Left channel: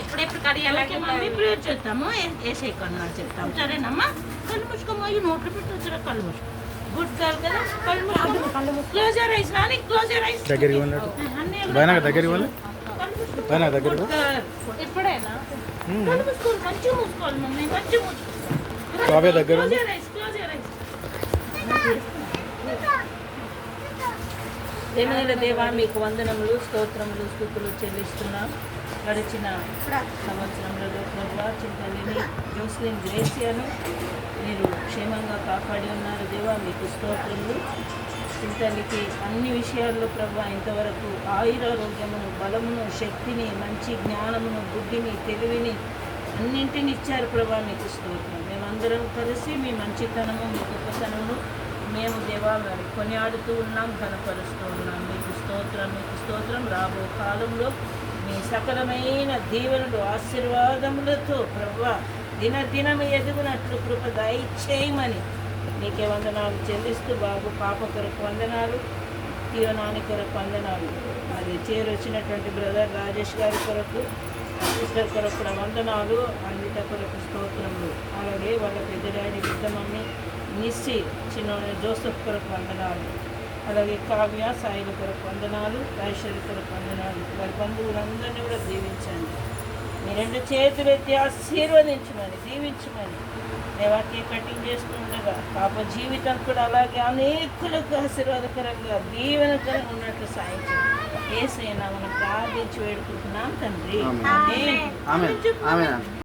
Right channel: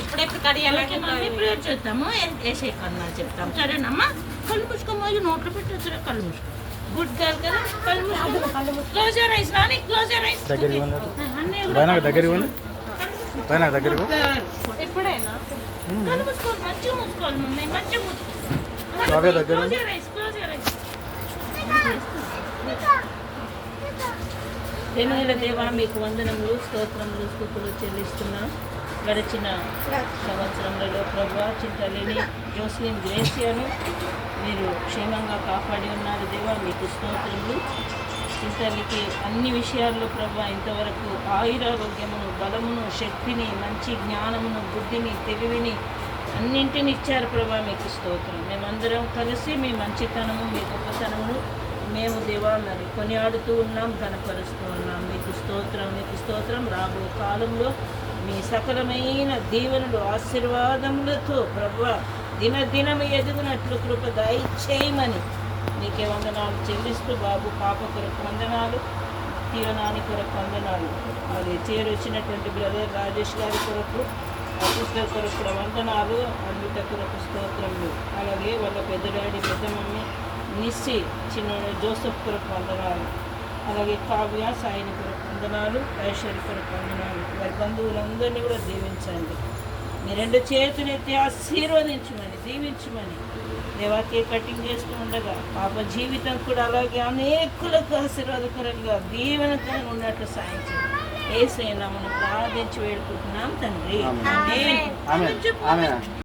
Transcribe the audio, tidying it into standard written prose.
ఎప్పుడెప్పుడు కడియాలంటే ప్రేయర్ చేద్దాము. వేసే కన్నా చెప్తాం. సరేనమ్మా, కళ్ళు మూసుకోమో నోట్లో పెట్టొచ్చురా. కళ్ళు మూసుకో. గుడ్ గర్ల్ కదా. కళ్ళు మూసుకో. క్లోజ్ యువర్ ఐస్ రాని. Close your ice. దగ్గరికి వెళ్ళండి. దగ్గరికి వెళ్ళండి. దగ్గరకు ఎప్పుడైనా కళ్ళు మూసుకోవాలి. మంచిగా మూసుకోవాలి. మమ్మీ మంచిగా మూసుకోవాలి. బాబే దగ్గర close your eyes. Close your eyes. ఎనిమిదిల దేవా మీకు వందనములు, స్తోత్రములు, స్తుతులు చెల్లిస్తున్నాం. గడిచిన సంవత్సరంలో ప్రభా చింతలేని జోస్లిన్ గ్రేసియాను మీరు క్షేమంగా కాపాడి ఉన్నారు దేవా, మీకు స్తోత్రములు. చింతలికి అన్ని విషయాల్లో ప్రభా ఇంతవరకు ఆయురారోగ్యమును, బలమును, శక్తిని, మంచి జ్ఞానమును, బుద్ధిని, తెలివిని అన్నింటిని ఇచ్చారు ప్రభా, మీకు స్తోత్రం. మేమందరం కలిసి మీ మంచితనము, మీ గొప్పతనమును మేము దేవాలని కొనియాడుతూ ఉన్నాం, ఘనపరుస్తూ ఉన్నాం. మీకు స్తోత్రం, మీకు స్తోత్రం. రాబో కాలంలో మీ సకలమైన దీవెనలు, ఆశీర్వాదములతో ప్రభువా దినదినం ఎదుగునట్లు కృప దయచేయమని మీకే వందనాలు చెల్లిస్తూ, బాబు పాప కొరకు వందనాలు, జీవనాని కొరకు వందనాలు, అది చేరొచ్చినటువంటి బ్రదర్ రాజేష్ గారి కొరకు, సిస్టర్ కొరకు వందనాలు, అన్నిటి కొరకు స్తోత్రములు. అలాగే వాళ్ళ పెద్ద డాడీ, పెద్ద మమ్మీ నిస్సి, చిన్న జోసెఫ్ కొరకు వందనాలు, అలాగే కావ్య సాయిని కొరకు వందనాలు, ఐశ్వర్య కొరకు వందనాలు. వారి బంధువులందరినీ కూడా దీవించండి. మీ రెండు చేతులు ఎత్తి ఆశీర్వదించమని, దీవించమని. దేవాకే కటింగ్ చేస్తూ ఉండగా పాప జీవితం కూడా అలాగే అనేకులకు ఆశీర్వాదకరంగా దీవెనకరంగా ఉన్నట్లు సాయించండి. ఏసైనా మనం ప్రార్థించి వేడుకుంటున్నాం తండ్రి. ఆమేన్.